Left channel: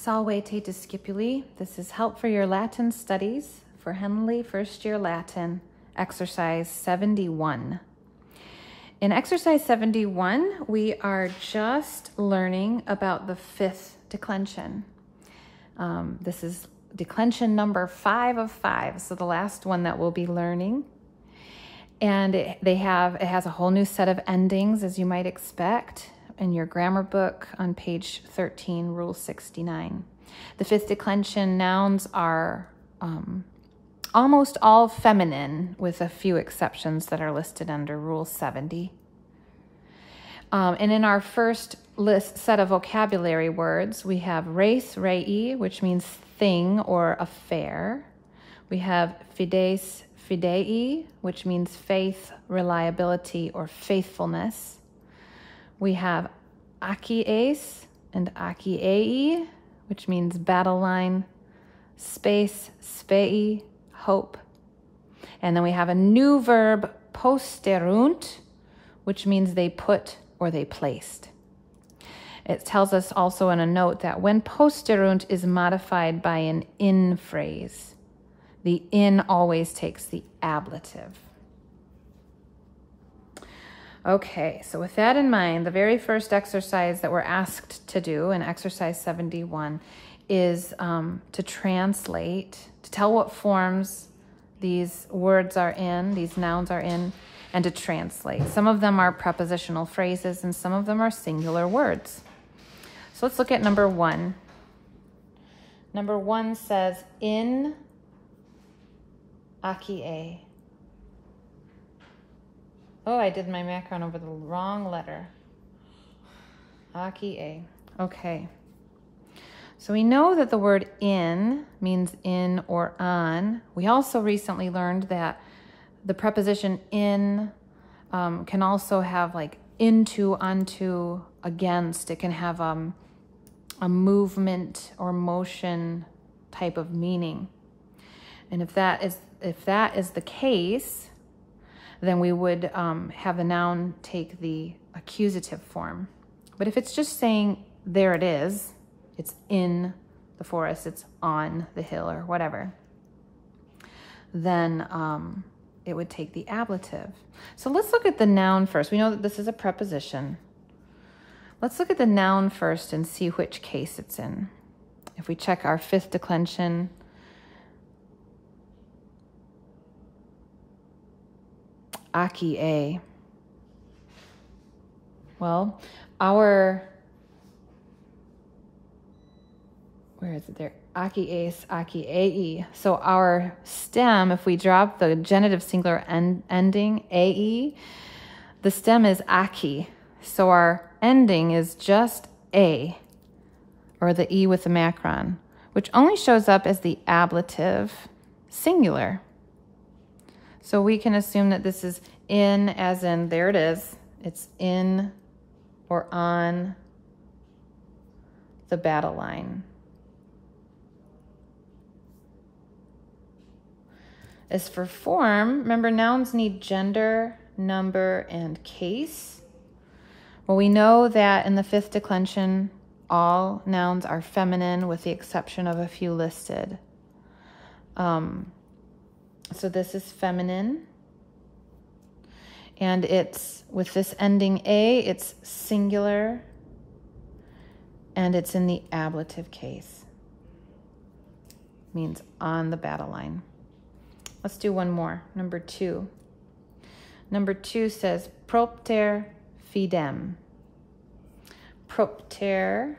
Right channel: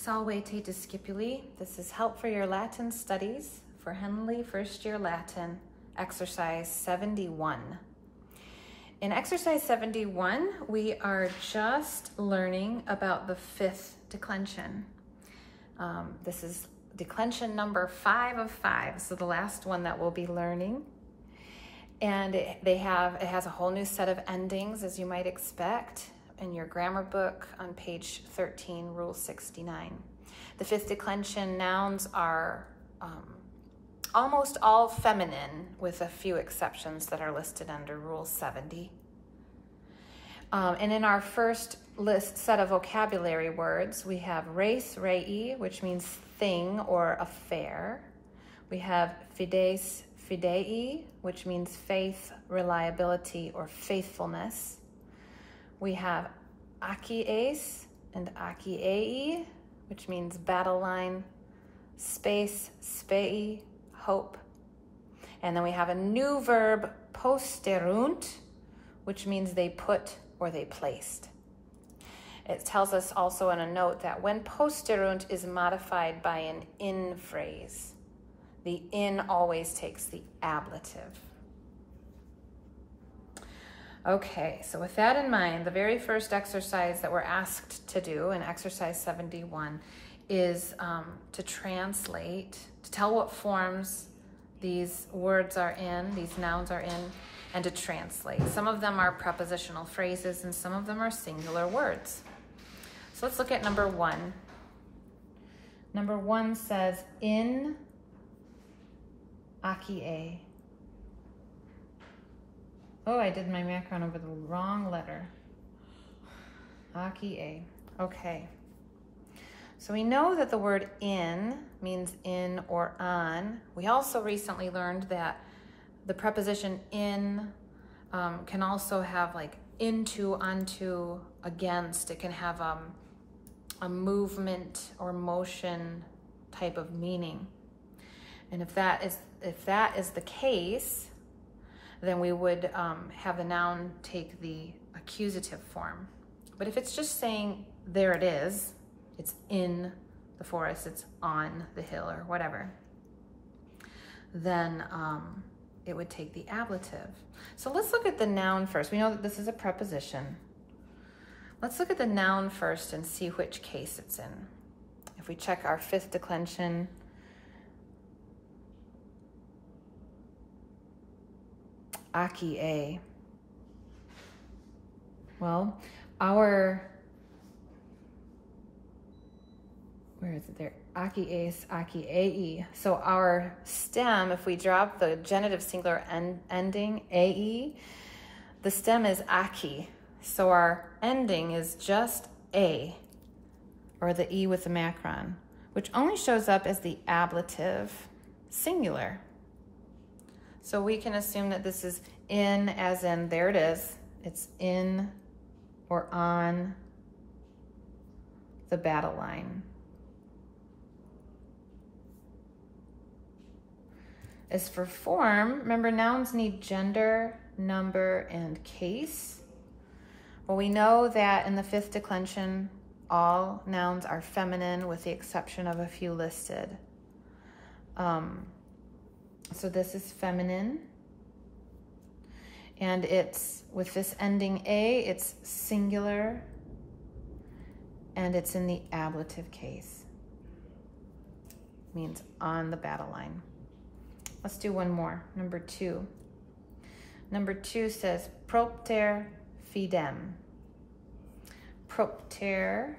Salve te discipuli. This is help for your Latin studies for Henle First Year Latin, exercise 71. In exercise 71, we are just learning about the fifth declension. This is declension number 5 of 5, so the last one that we'll be learning. And it has a whole new set of endings, as you might expect, in your grammar book on page 13, Rule 69. The fifth declension nouns are almost all feminine, with a few exceptions that are listed under Rule 70. And in our first set of vocabulary words, we have res rei, which means thing or affair. We have fides fidei, which means faith, reliability, or faithfulness. We have akies and akiei, which means battle line, space, spei, hope. And then we have a new verb, posterunt, which means they put or they placed. It tells us also in a note that when posterunt is modified by an in phrase, the in always takes the ablative. Okay, so with that in mind, the very first exercise that we're asked to do in exercise 71 is to translate, to tell what forms these words are in, these nouns are in, and to translate. Some of them are prepositional phrases and some of them are singular words. So let's look at number 1. Number 1 says, in akie. Oh, I did my macron over the wrong letter. Akie. Okay. So we know that the word in means in or on. We also recently learned that the preposition in can also have like into, onto, against. It can have a movement or motion type of meaning. And if that is the case, then we would have a noun take the accusative form. But if it's just saying, there it is, it's in the forest, it's on the hill or whatever, then it would take the ablative. So let's look at the noun first. We know that this is a preposition. Let's look at the noun first and see which case it's in. If we check our fifth declension, akie. Well, where is it there? Akies, akiei. So our stem, if we drop the genitive singular ending, ae, the stem is aki. So our ending is just a, or the e with the macron, which only shows up as the ablative singular. So we can assume that this is in, as in, there it is. It's in or on the battle line. As for form, remember nouns need gender, number, and case. Well, we know that in the fifth declension, all nouns are feminine with the exception of a few listed. So this is feminine, and it's with this ending a, it's singular, and it's in the ablative case. Means on the battle line. Let's do one more, number 2. Number 2 says propter fidem. Propter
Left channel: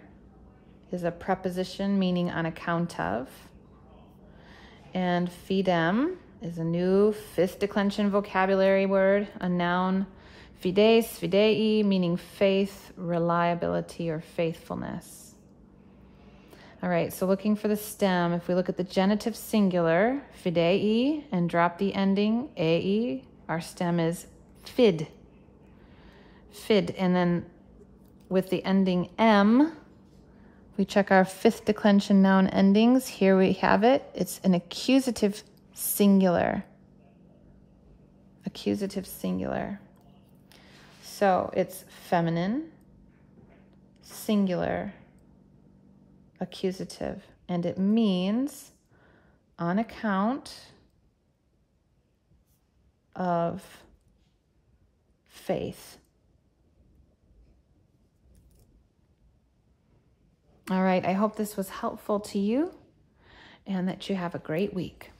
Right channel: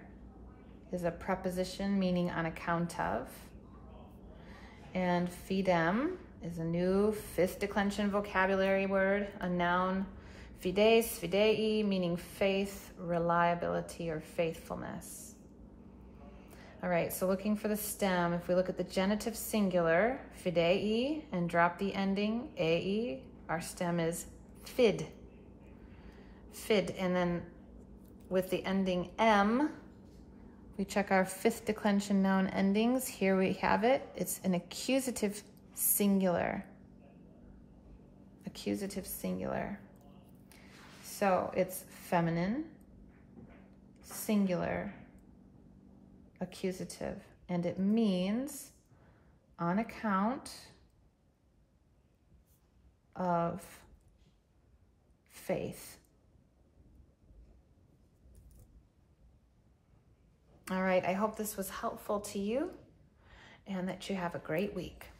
is a preposition meaning on account of, and fidem is a new fifth declension vocabulary word, a noun, fides, fidei, meaning faith, reliability, or faithfulness. All right, so looking for the stem, if we look at the genitive singular, fidei, and drop the ending, ae, our stem is fid. Fid, and then with the ending m, we check our fifth declension noun endings. Here we have it. It's an accusative singular. Accusative singular. So it's feminine, singular, accusative, and it means on account of faith. All right, I hope this was helpful to you and that you have a great week.